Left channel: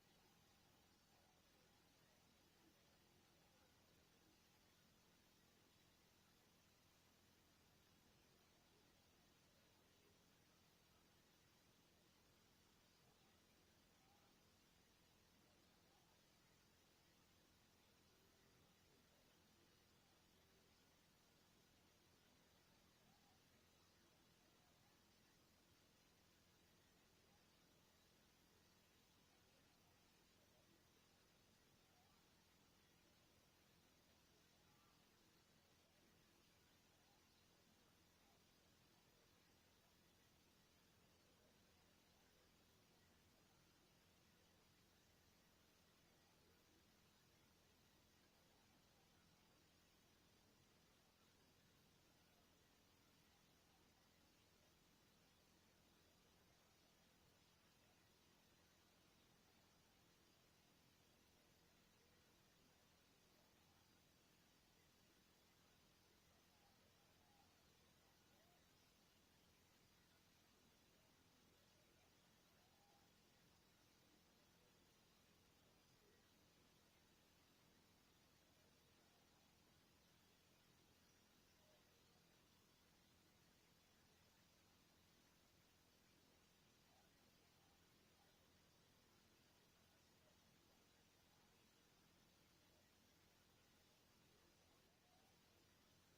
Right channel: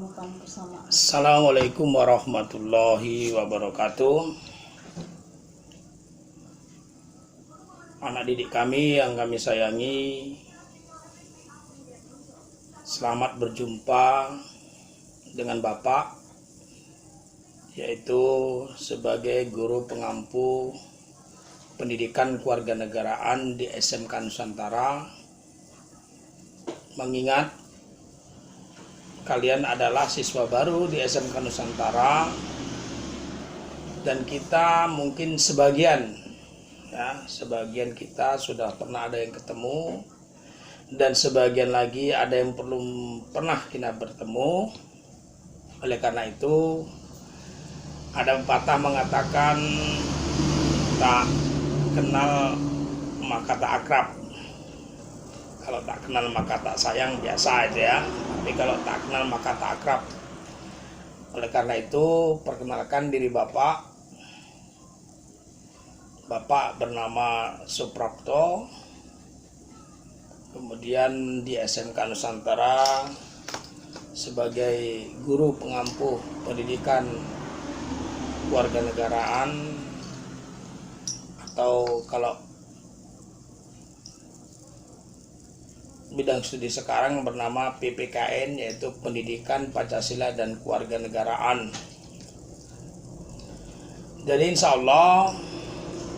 pertemukan bersama. Assalamualaikum warahmatullahi wabarakatuh. Anak didik kami yang kami sayangi, selamat berjumpa dengan Bapak, yaitu sebagai guru pengampu pendidikan kewarganegaraan di SMK Nusantara. Mengingat kalian adalah siswa baru di SMK Nusantara dan kita mungkin sebagian kita sudah pernah ada yang ketemu dan sebagian lagi ada yang belum pernah kita bertemu. Oleh karena itu ada pepatah mengatakan tak kenal maka tak akrab. Kalau tak kenal maka tak sayang, biasa aja ya. Tapi kalau tak kenal maka tak akrab. Oleh karena itu, perkenalkan diri Bapak. Bapak bernama Suprapto. Kemudian di SMK Nusantara sebagai guru pengampu pendidikan kewarganegaraan, atau kalau bidang studi sekarang bernama PPKN, yaitu Pendidikan Pancasila dan Kewarganegaraan. Jadi insya Allah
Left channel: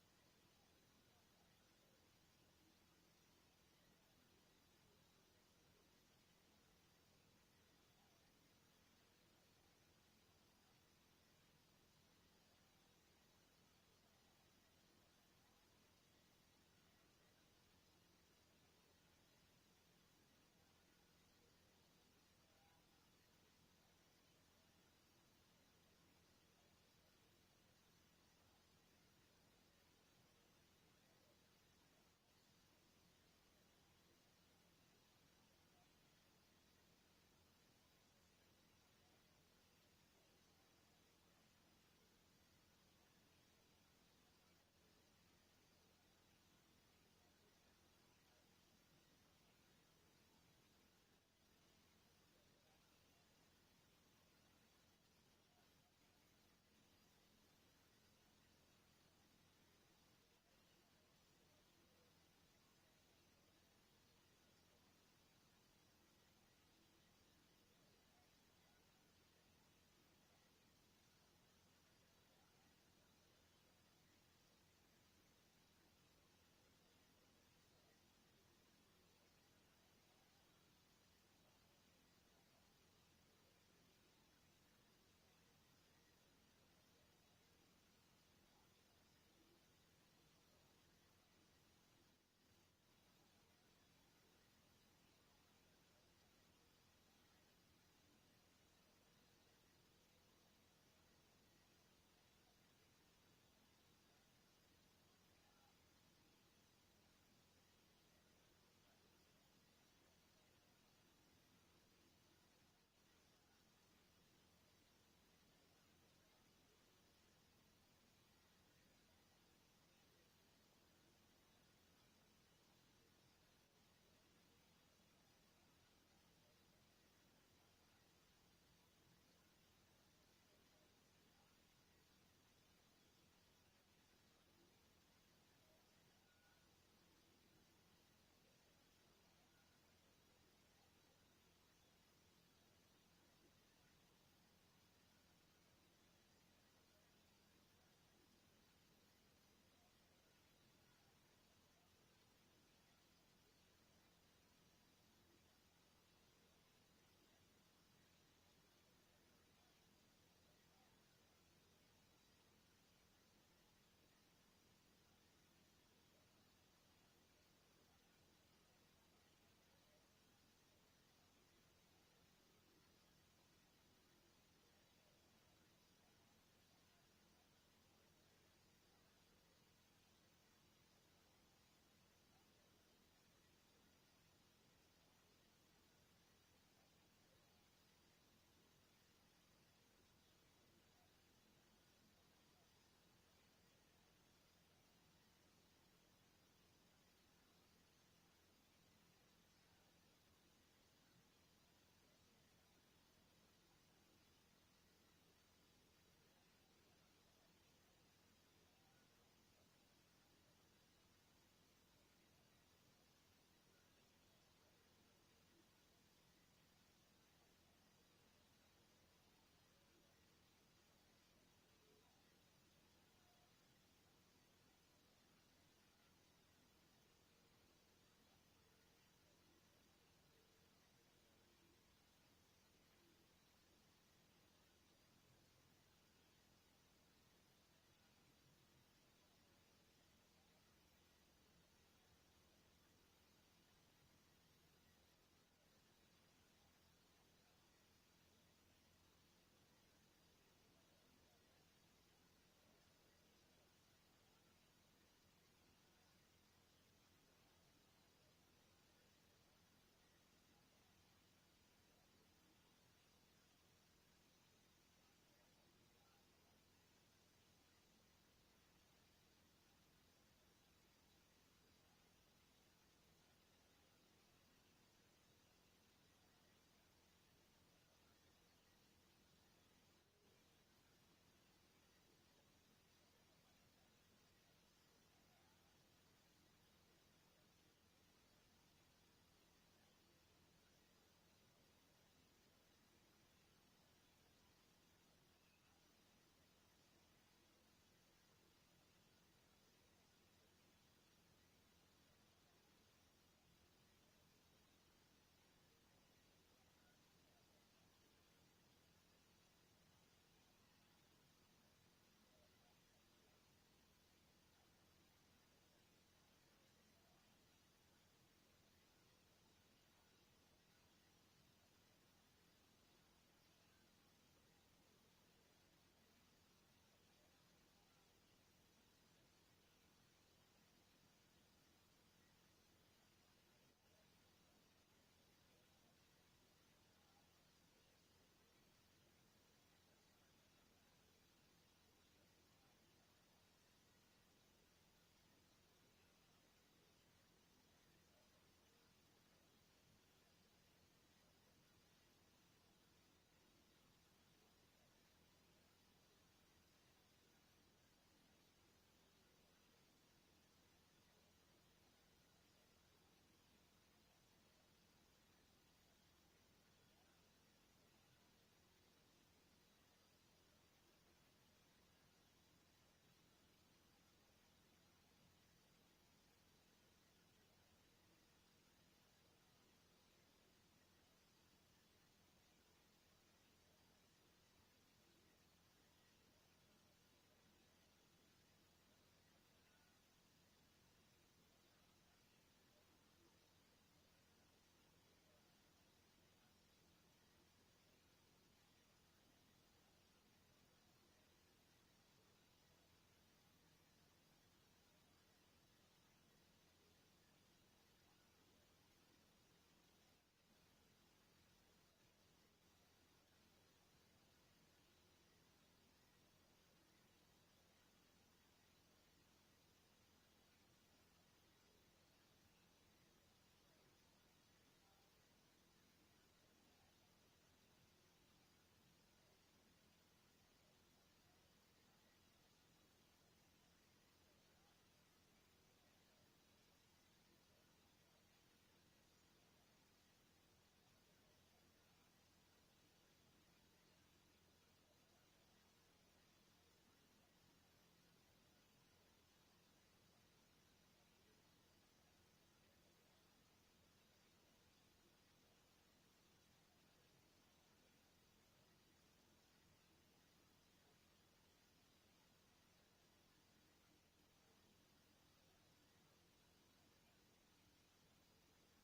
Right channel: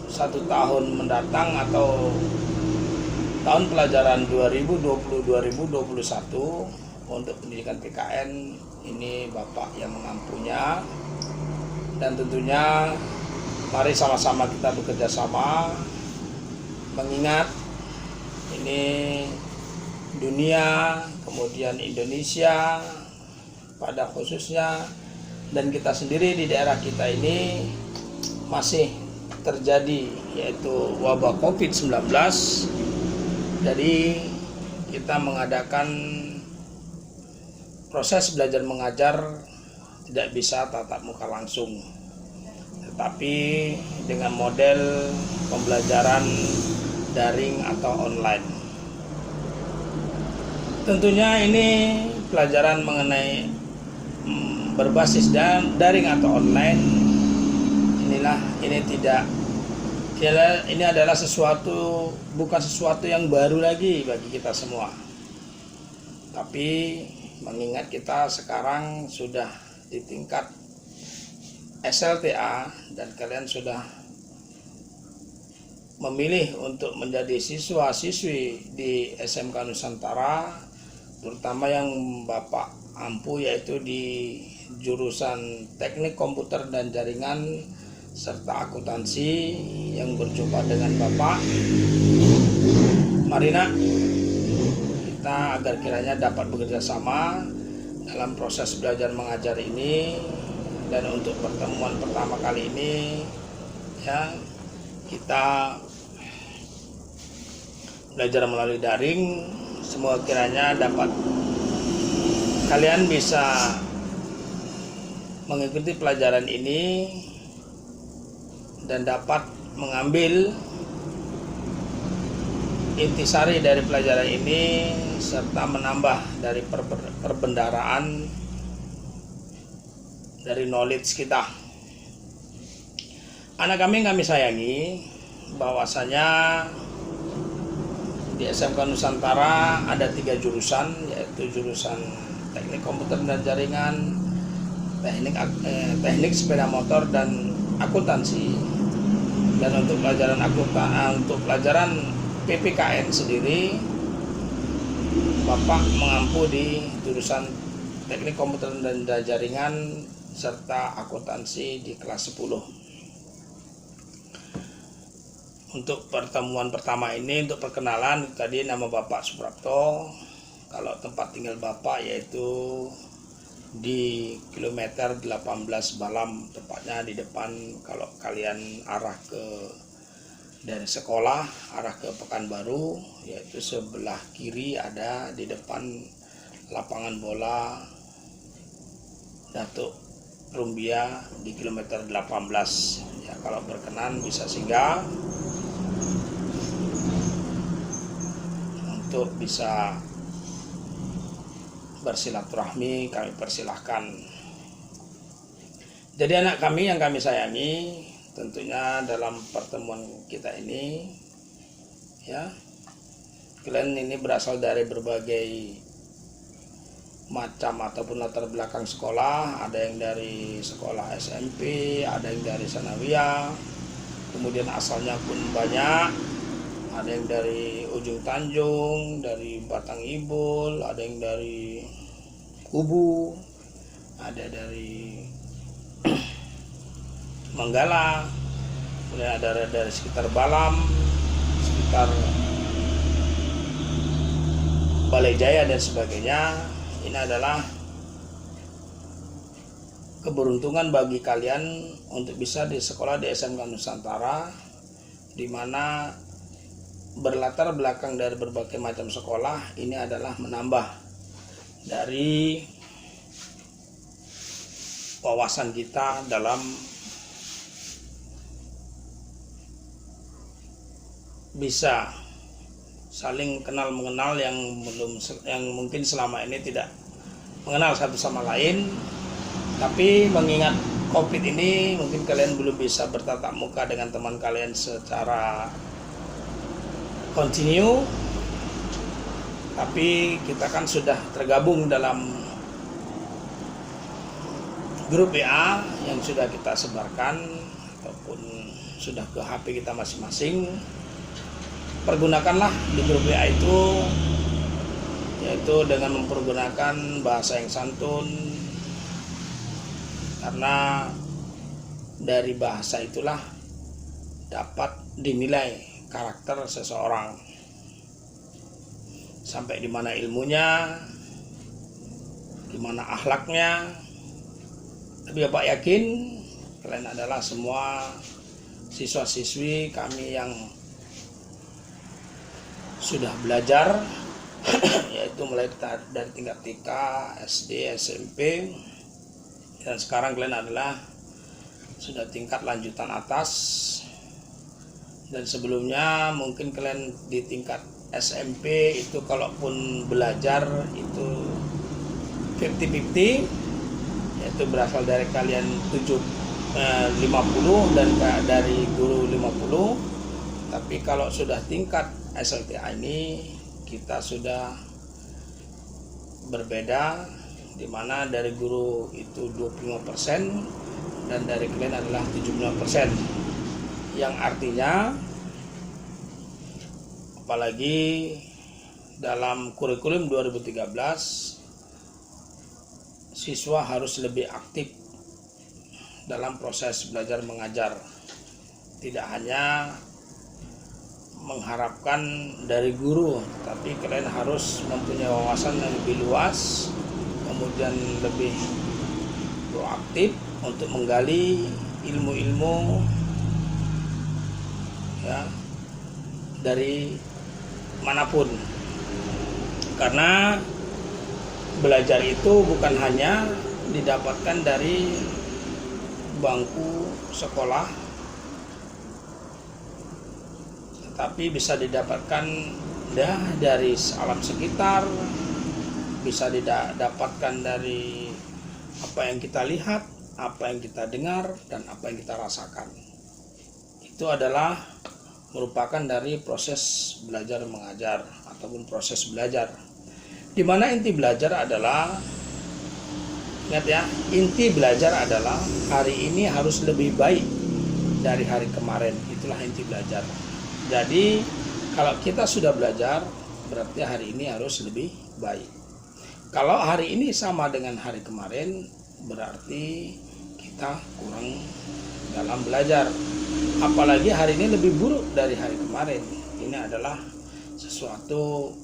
1 tahun mendatang atau tahun pelajaran 2020-2021 untuk pendidikan PKN ini Bapak yang mengampunya, dan tentunya mari sama-sama kita bekerja sama, mengingat ini dunia, kemudian Indonesia pada khususnya, dan kita sendiri di daerah kita ini masih terjadi yaitu wabah COVID-19. Jadi kita mengadakan proses belajar mengajar tidak bisa tatap muka langsung, tetapi dengan model pembelajaran daring atau online. Tentunya ini pelajaran mengenai berbasis daring atau online. Ini adalah bukan sesuatu yang baru lagi bagi kita semua. Tapi mengingat kita sekarang sudah di tingkat SLTA dan kalian sudah memilih untuk menjadi siswa-siswi di SMK Nusantara, terutama yang Bapak ampu yaitu di jurusan Teknik Komputer dan Jaringan serta akuntansi yang berjumpa dengan Bapak. Mari nak, kita agar kiranya dapat bekerja sama dalam proses belajar mengajar ini. Dan untuk pertemuan pertama kali ini ya, kita belajar melalui daring. Semoga kiranya dapat kalian bisa mengikuti pelajaran ini dan dapat mengambil intisari dari pelajaran ini serta menambah dari perbendaraan dari knowledge kita. Anak kami sayangi, bahwasanya di SMK Nusantara ada 3 jurusan, yaitu jurusan Teknik Komputer dan Jaringan, Teknik Sepeda Motor, dan Akuntansi. Dan untuk pelajaran PPKN sendiri, Bapak mengampu di jurusan Teknik Komputer dan Jaringan serta Akuntansi di kelas 10. Untuk pertemuan pertama ini, untuk perkenalan, tadi nama Bapak Suprapto. Kalau tempat tinggal Bapak yaitu di kilometer 18 Balam, tepatnya di depan. Kalau kalian arah ke dari sekolah arah ke Pekanbaru, yaitu sebelah kiri ada di depan lapangan bola Datuk Rumbia di kilometer 18. Ya, kalau berkenan bisa singgah untuk bisa bersilaturahmi kami persilahkan. Jadi anak kami yang kami sayangi, tentunya dalam pertemuan kita ini ya, kalian ini berasal dari berbagai macam ataupun latar belakang sekolah. Ada yang dari sekolah SMP, ada yang dari sanawiyah, kemudian asalnya pun banyak. Ada yang dari Ujung Tanjung, dari Batang Ibul, ada yang dari Kubu, ada dari Manggala, kemudian ada dari sekitar Balam, sekitar Balai Jaya dan sebagainya. Ini adalah keberuntungan bagi kalian untuk bisa di sekolah di SMK Nusantara, di mana berlatar belakang dari berbagai macam sekolah. Ini adalah menambah dari wawasan kita dalam bisa saling kenal mengenal yang mungkin selama ini tidak mengenal satu sama lain. Tapi mengingat COVID ini, mungkin kalian belum bisa bertatap muka dengan teman kalian secara kontinu, tapi kita kan sudah tergabung dalam grup WA yang sudah kita sebarkan ataupun sudah ke HP kita masing-masing. Pergunakanlah di grup WA itu, yaitu dengan mempergunakan bahasa yang santun, karena dari bahasa itulah dapat dinilai karakter seseorang, sampai di mana ilmunya, di mana akhlaknya. Tapi Bapak yakin kalian adalah semua siswa-siswi kami yang sudah belajar yaitu mulai dari tingkat TK, SD, SMP, dan sekarang kalian adalah sudah tingkat lanjutan atas. Dan sebelumnya mungkin kalian di tingkat SMP itu kalaupun belajar itu 50-50, yaitu berasal dari kalian 50 dan dari guru 50. Tapi kalau sudah tingkat SLTA ini kita sudah berbeda, di mana dari guru itu 25% dan dari kalian adalah 75%. Yang artinya apalagi dalam kurikulum 2013 siswa harus lebih aktif dalam proses belajar mengajar. Tidak hanya mengharapkan dari guru, tapi kalian harus mempunyai wawasan yang lebih luas, kemudian lebih proaktif untuk menggali ilmu-ilmu ya dari manapun. Karena belajar itu bukan hanya didapatkan dari bangku sekolah, tapi bisa didapatkan dari alam sekitar, bisa didapatkan dari apa yang kita lihat, apa yang kita dengar, dan apa yang kita rasakan. Itu adalah merupakan dari proses belajar mengajar ataupun proses belajar, di mana inti belajar adalah, ingat ya, inti belajar adalah hari ini harus lebih baik dari hari kemarin. Itulah inti belajar. Jadi kalau kita sudah belajar, berarti hari ini harus lebih baik. Kalau hari ini sama dengan hari kemarin, berarti kita kurang dalam belajar. Apalagi hari ini lebih buruk dari hari kemarin. Ini adalah sesuatu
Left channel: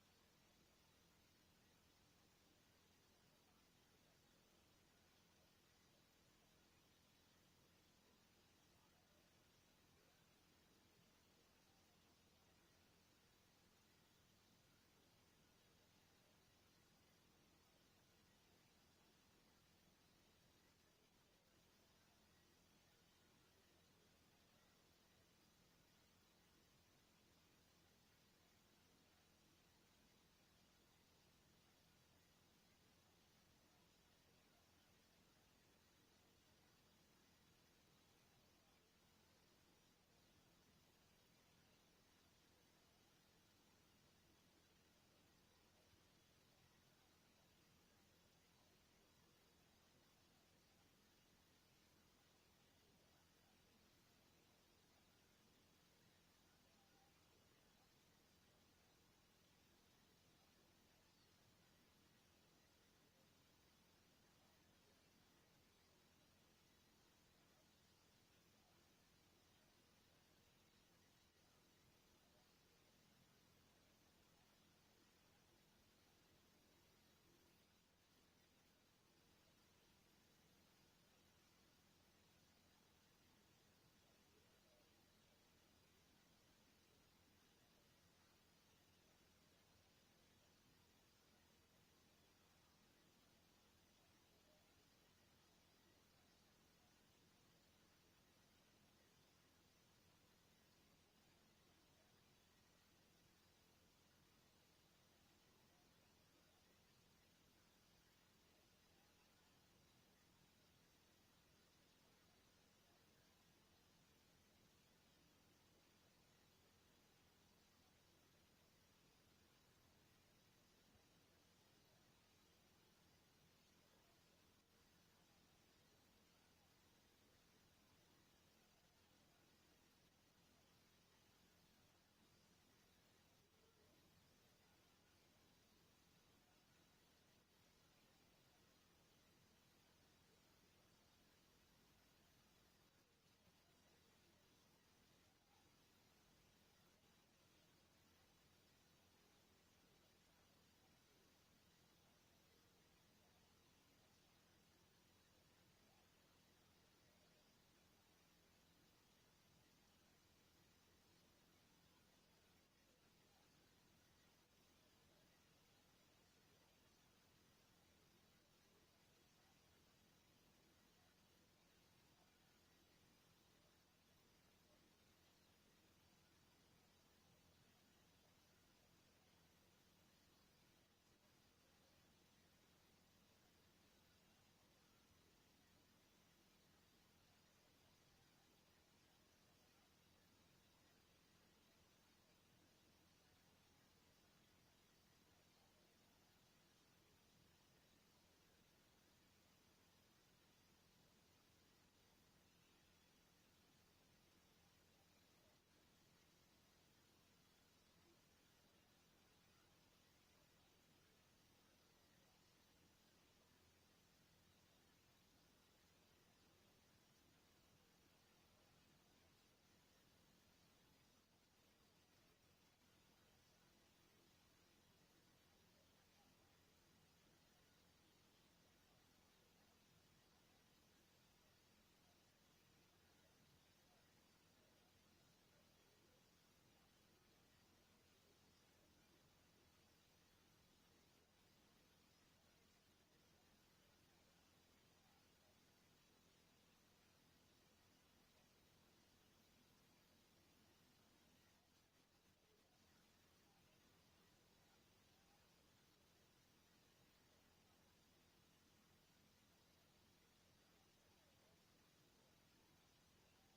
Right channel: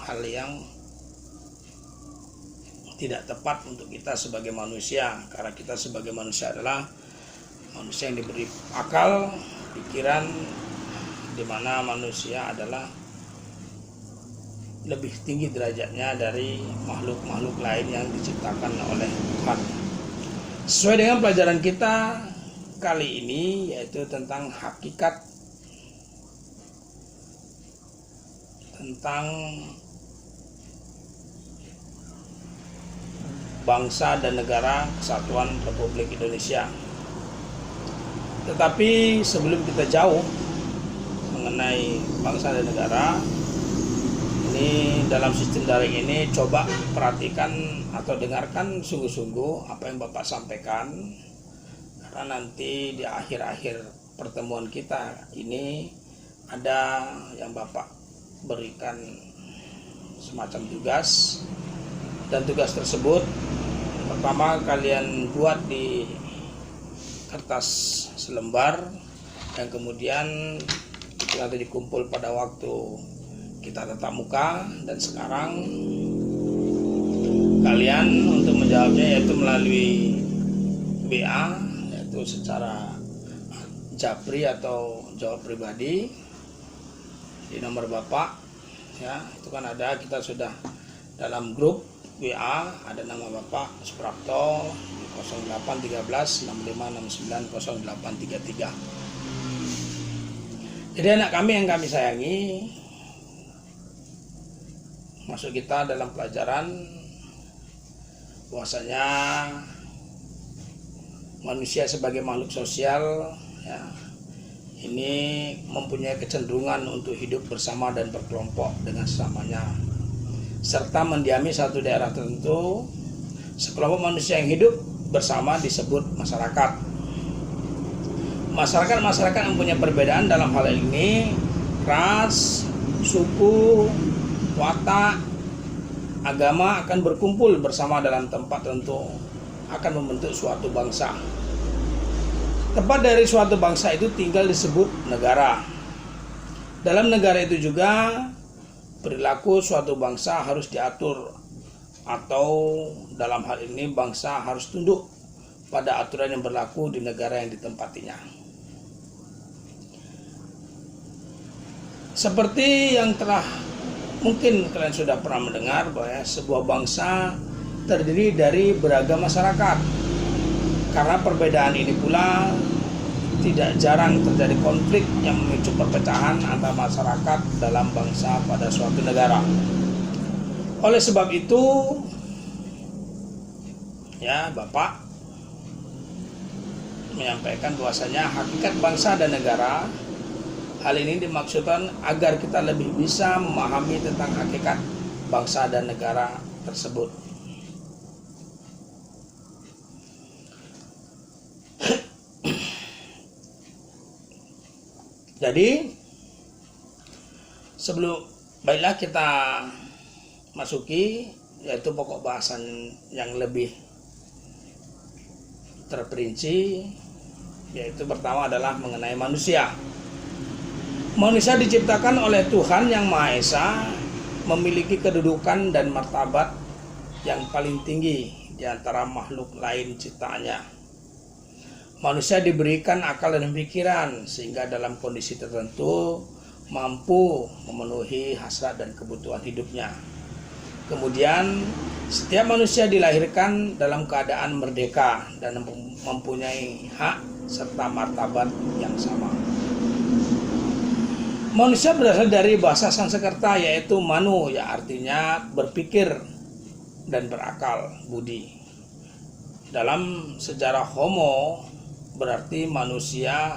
hal yang tidak tepat untuk kita sebagai manusia. Karena kita sebagai manusia adalah manusia yang diberi akal, pikiran, di mana manusia adalah lebih tinggi derajatnya dari makhluk-makhluk lain yang diciptakan oleh Tuhan. Sesuai dengan pelajaran kita kali ini, yaitu tentang hakikat, tentang bangsa dan negara Kesatuan Republik Indonesia. Tetapi sebelum kita jauh mengenai bangsa dan negara, ini dalam sistem daring ini coba perhatikan atau dengarkan sungguh-sungguh apa yang Bapak sampaikan, karena nanti di akhir-akhir pertemuan kita ini ada yang Bapak berikan semacam tugas, dan tugas tersebut pertama kalian buat di kertas selembar, dan kemudian itu nanti dikumpul pada waktu kita tatap muka. Dan sekarang kalian untuk menjawabnya yaitu melalui WA, yaitu secara japri atau jawab pribadi di nomor Bapak ya. Itu kan ada, kita sudah dalam grup WA, ada nama Bapak Suprapto di 0813 6569 0833. Jadi anak kami yang kami sayangi, masuk kita dalam pelajaran bahwasanya manusia sebagai makhluk sosial ya, ini mempunyai kecenderungan untuk hidup bersama dan berkelompok dengan sesamanya, serta mendiami satu daerah tertentu. Sekelompok manusia yang hidup bersama disebut masyarakat. Masyarakat yang punya perbedaan dalam hal ini ras, suku, watak, agama akan berkumpul bersama dalam tempat tertentu, akan membentuk suatu bangsa. Tempat dari suatu bangsa itu tinggal disebut negara. Dalam negara itu juga perilaku suatu bangsa harus diatur, atau dalam hal ini bangsa harus tunduk pada aturan yang berlaku di negara yang ditempatinya. Seperti yang telah mungkin kalian sudah pernah mendengar bahwa sebuah bangsa terdiri dari beragam masyarakat. Karena perbedaan ini pula tidak jarang terjadi konflik yang memicu perpecahan antar masyarakat dalam bangsa pada suatu negara. Oleh sebab itu, ya Bapak menyampaikan bahwasanya hakikat bangsa dan negara, hal ini dimaksudkan agar kita lebih bisa memahami tentang hakikat bangsa dan negara tersebut. Jadi baiklah kita masuki yaitu pokok bahasan yang lebih terperinci, yaitu pertama adalah mengenai manusia. Manusia diciptakan oleh Tuhan Yang Maha Esa, memiliki kedudukan dan martabat yang paling tinggi di antara makhluk lain ciptaannya. Manusia diberikan akal dan pikiran sehingga dalam kondisi tertentu mampu memenuhi hasrat dan kebutuhan hidupnya. Kemudian setiap manusia dilahirkan dalam keadaan merdeka dan mempunyai hak serta martabat yang sama. Manusia berasal dari bahasa Sanskerta yaitu manu, yang artinya berpikir dan berakal, budi. Dalam sejarah Homo berarti manusia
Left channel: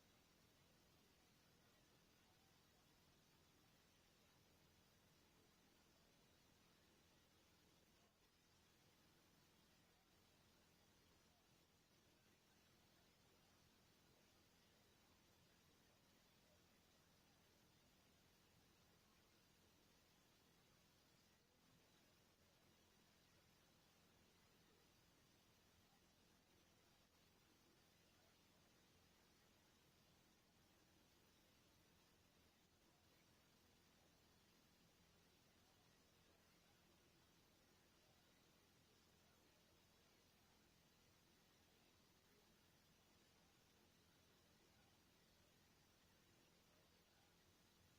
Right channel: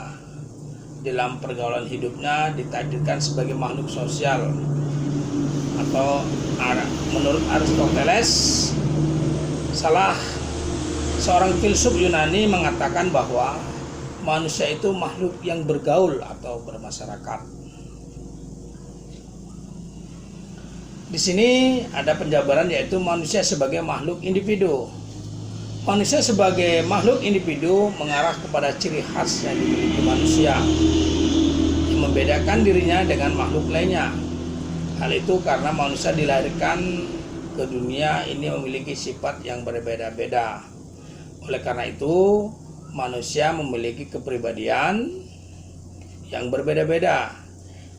dalam pergaulan hidupnya ditakdirkan sebagai makhluk sosial, atau menurut Aristoteles, salah seorang filsuf Yunani mengatakan bahwa manusia itu makhluk yang bergaul atau bermasyarakat. Di sini ada penjabaran yaitu manusia sebagai makhluk individu. Manusia sebagai makhluk individu mengarah kepada ciri khas yang dimiliki manusia yang membedakan dirinya dengan makhluk lainnya. Hal itu karena manusia dilahirkan ke dunia ini memiliki sifat yang berbeda-beda. Oleh karena itu, manusia memiliki kepribadian yang berbeda-beda.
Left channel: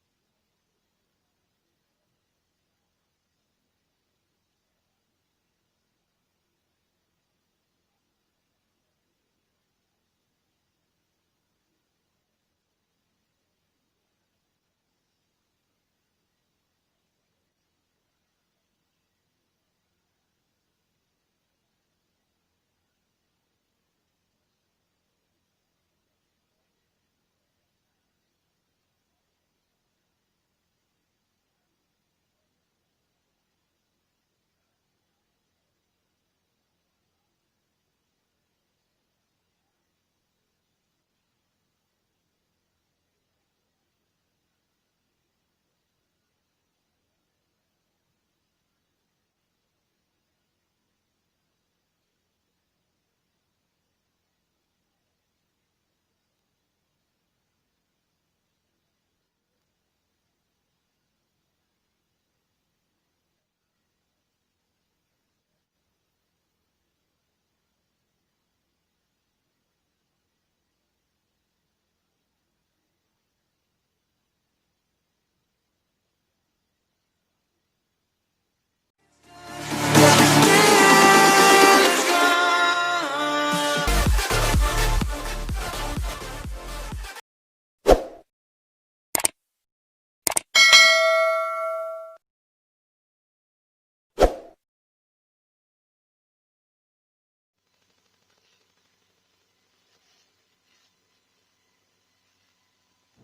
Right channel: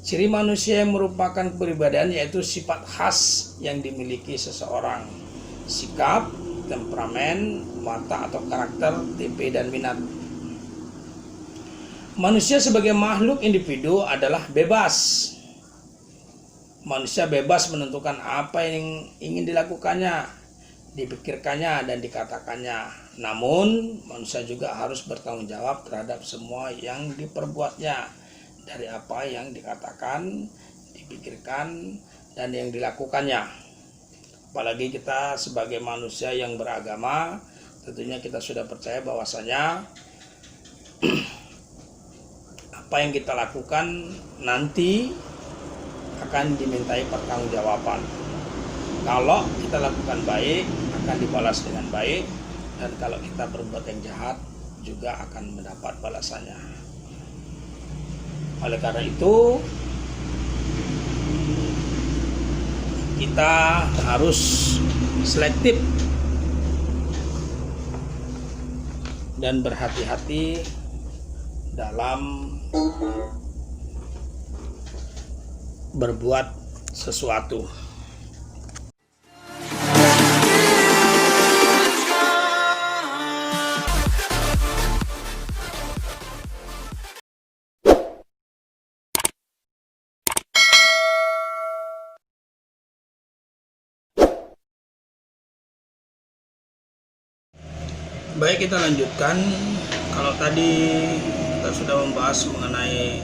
Ciri manusia yang merupakan kepribadian yaitu sifat khas yang dimiliki seseorang, sikap, temperamen, watak atau karakter, tipe dan minat. Manusia sebagai makhluk individu adalah bebas. Manusia bebas menentukan apa yang ingin dilakukannya. dipikirkannya dan dikatakannya. Namun manusia juga harus bertanggung jawab terhadap semua yang diperbuatnya, dari apa yang dikatakan, dipikirkan, dan yang dilakukannya. Apalagi kita sebagai manusia yang beragama, tentunya kita sudah percaya bahwasanya apa yang kita lakukan nanti akan dimintai pertanggungjawaban. Kalau kita lakukan baik, akan dibalas dengan baik, dan kalau kita berbuat yang jahat juga akan mendapat balasannya. Oleh karena itu, kita harus selektif dan berhati-hati dalam berbuat sesuatu. Baik, kita lanjutkan. Kalau tadi kita sudah membahas mengenai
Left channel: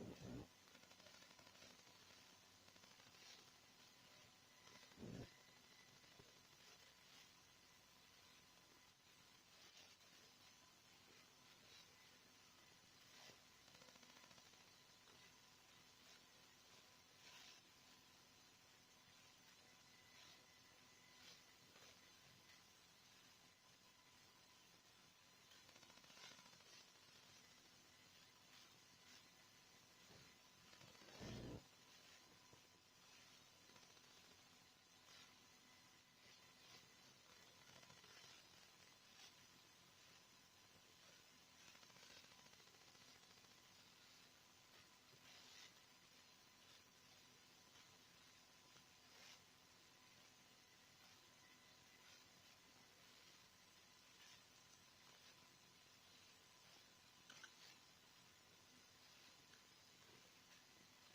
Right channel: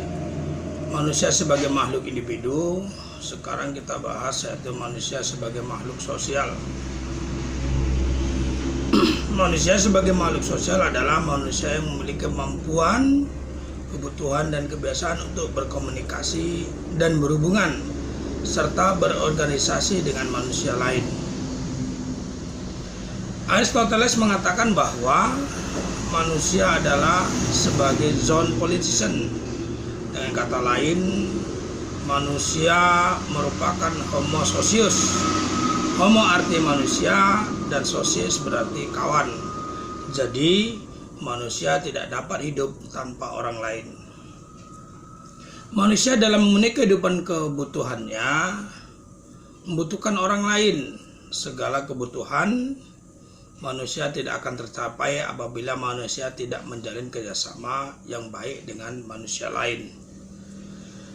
manusia sebagai makhluk individu, sekarang kita bahas yaitu manusia sebagai makhluk sosial. Manusia sebagai makhluk sosial adalah manusia yang memiliki kemampuan, kebutuhan, dan kebiasaan untuk berkomunikasi dan berhubungan serta berorganisasi dengan manusia lain. Aristoteles mengatakan bahwa manusia adalah sebagai zone politician. Dengan kata lain, manusia merupakan homo socius. Homo arti manusia dan socius berarti kawan. Jadi manusia tidak dapat hidup tanpa orang lain. Manusia dalam memenuhi kehidupan kebutuhannya membutuhkan orang lain. Segala kebutuhan manusia tidak akan tercapai apabila manusia tidak menjalin kerjasama yang baik dengan manusia lain.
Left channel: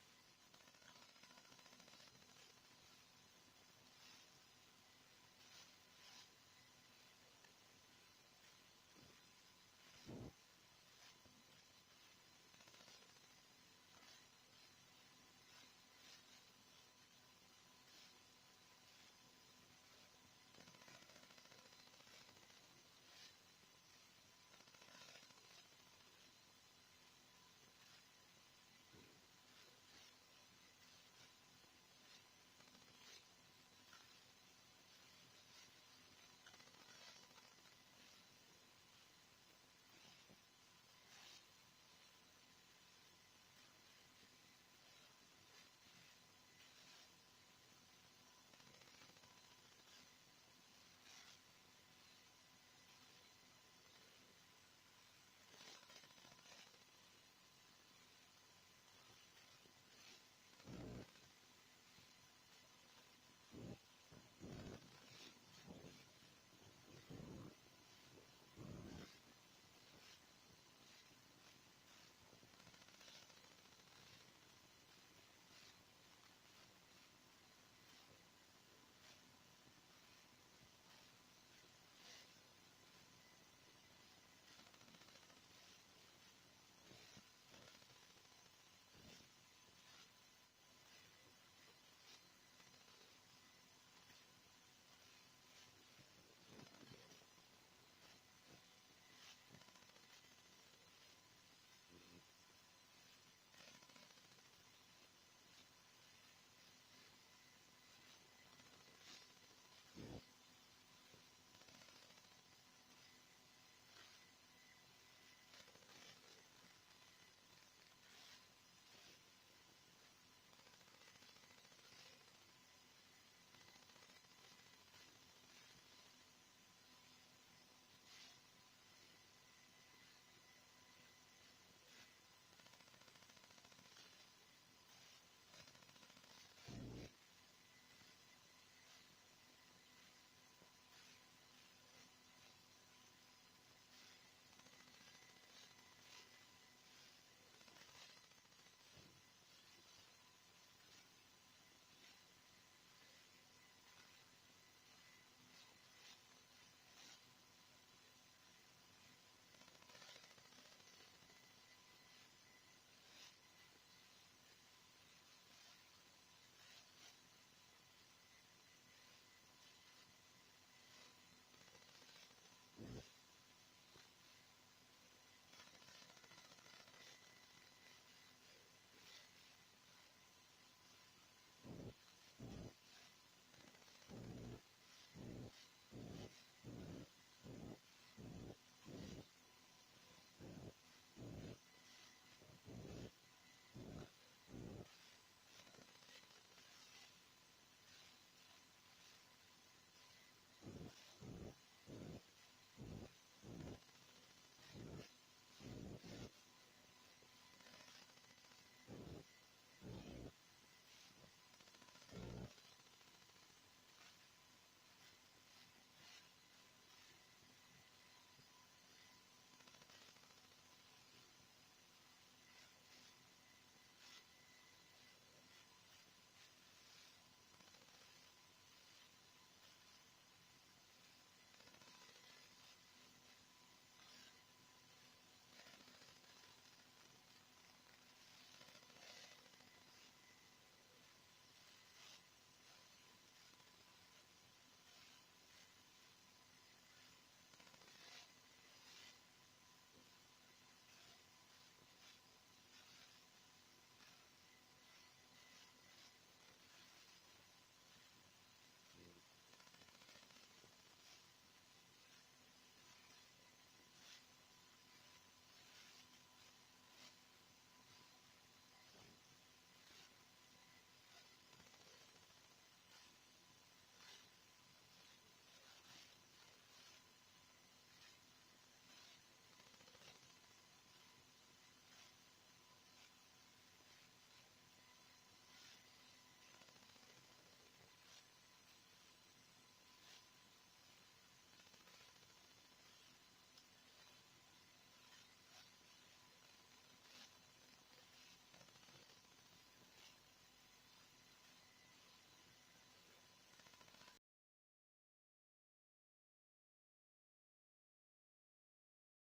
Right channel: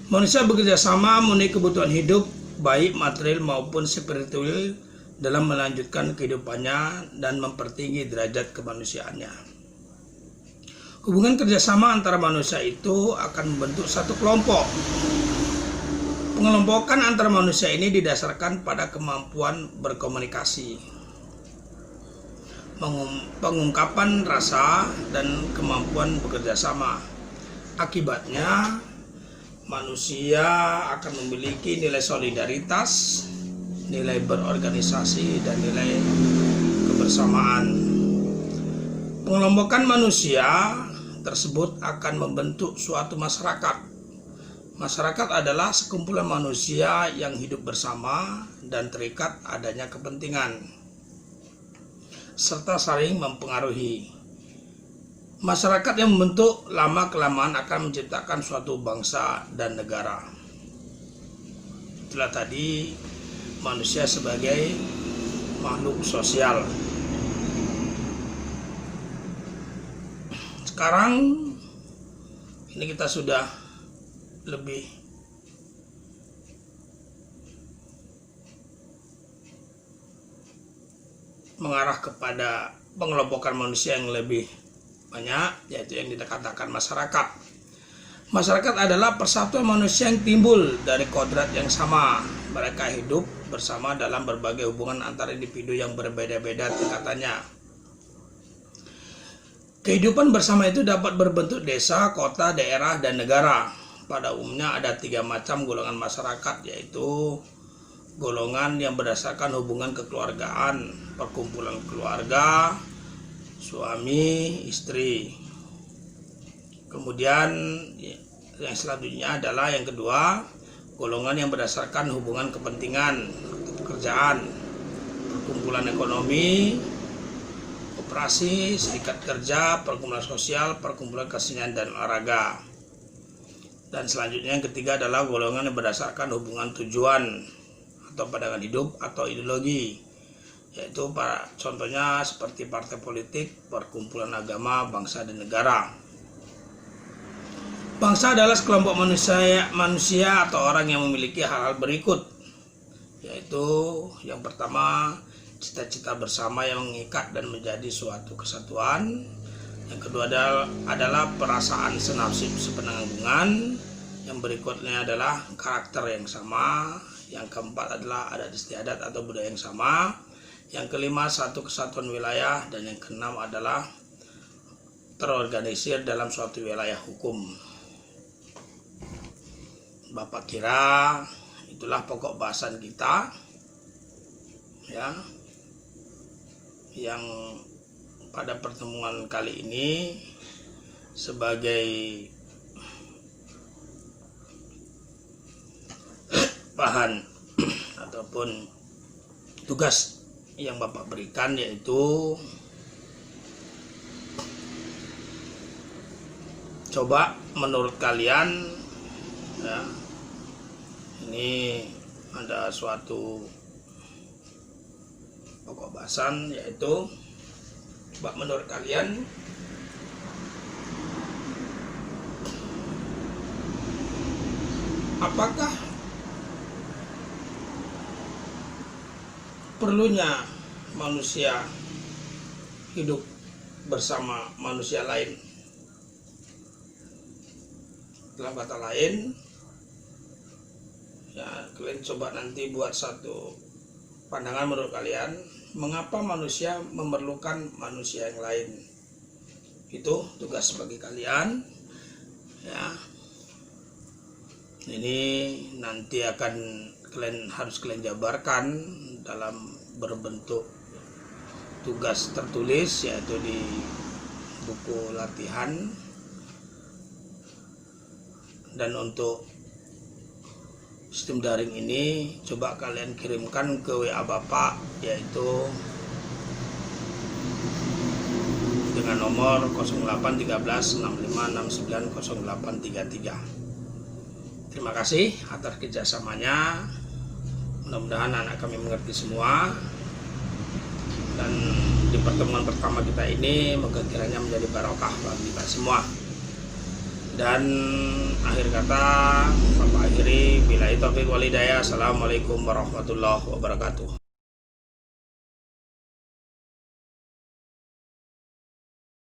Manusia bekerja sama memenuhi kebutuhan hidup, baik material maupun spiritual, dalam melanjutkan kehidupannya dan mempertinggi derajat kemanusiaannya. Hubungan kerjasama antara manusia itu akan membentuk satu kelompok. Pengelompokan antara manusia ini didasarkan pada kemampuan berkomunikasi, pengungkapan rasa, dan kemampuan bekerja sama. Akibatnya, manusia akan memiliki nilai solidaritas, nilai berorganisasi, dan nilai kebersamaan. Pengelompokan manusia tersebut akan membentuk suatu masyarakat. Masyarakat adalah sekumpulan manusia yang hidup bersama dan terikat adanya kepentingan, serta saling mempengaruhi. Masyarakat yang membentuk lama-kelamaan akan menciptakan suatu bangsa dan negara. Itulah tadi manusia sebagai makhluk sosial. Sekarang ini kita sudah lebih mengarah kepada pengelompokan manusia yang lebih banyak, yaitu yang dikatakan masyarakat. Masyarakat adalah persatuan manusia yang timbul dari kodrat yang sama. Mereka hidup bersama dalam berbagai hubungan antara individu yang berbeda-beda tingkatannya. Kehidupan bersama itu dapat berbentuk desa, kota, daerah, dan negara. Pada umumnya ada 3 macam golongan masyarakat, yaitu golongan yang berdasarkan hubungan kekeluargaan, perkumpulan keluarga, suami, istri. Kemudian yang selanjutnya adalah yang kedua, golongan yang berdasarkan hubungan kepentingan, pekerjaan, perkumpulan ekonomi, operasi, serikat kerja, perkumpulan sosial, perkumpulan kesenian dan olahraga. Dan selanjutnya yang ketiga adalah golongan yang berdasarkan hubungan tujuan atau pandangan hidup atau ideologi, yaitu contohnya seperti partai politik, perkumpulan agama, bangsa dan negara. Bangsa adalah sekelompok manusia atau orang yang memiliki hal-hal berikut, yaitu yang pertama, cita-cita bersama yang mengikat dan menjadi suatu kesatuan. Yang kedua adalah perasaan senasib sepenanggungan. Yang berikutnya adalah karakter yang sama. Yang keempat adalah adat istiadat atau budaya yang sama. Yang kelima, satu kesatuan wilayah. Dan yang keenam adalah terorganisir dalam suatu wilayah hukum. Bapak kira itulah pokok bahasan kita, ya, yang pada pertemuan kali ini sebagai bahan ataupun tugas yang Bapak berikan, yaitu coba menurut kalian, ya, ini ada suatu pokok bahasan, yaitu coba menurut kalian apakah perlunya manusia hidup bersama manusia lain? Dalam kata lain, ya, kalian coba nanti buat satu pandangan menurut kalian, mengapa manusia memerlukan manusia yang lain. Itu tugas bagi kalian, ya. Ini nanti akan harus kalian jabarkan dalam berbentuk tugas tertulis, yaitu di buku latihan. Dan untuk sistem daring ini coba kalian kirimkan ke WA Bapak, yaitu dengan nomor 081365690833. Terima kasih atas kerjasamanya. Mudah-mudahan anak kami mengerti semua. Dan di pertemuan pertama kita ini moga kiranya menjadi barokah bagi kita semua. Dan akhir kata Bapak akhiri, billahi taufiq wal hidayah. Assalamualaikum warahmatullahi wabarakatuh.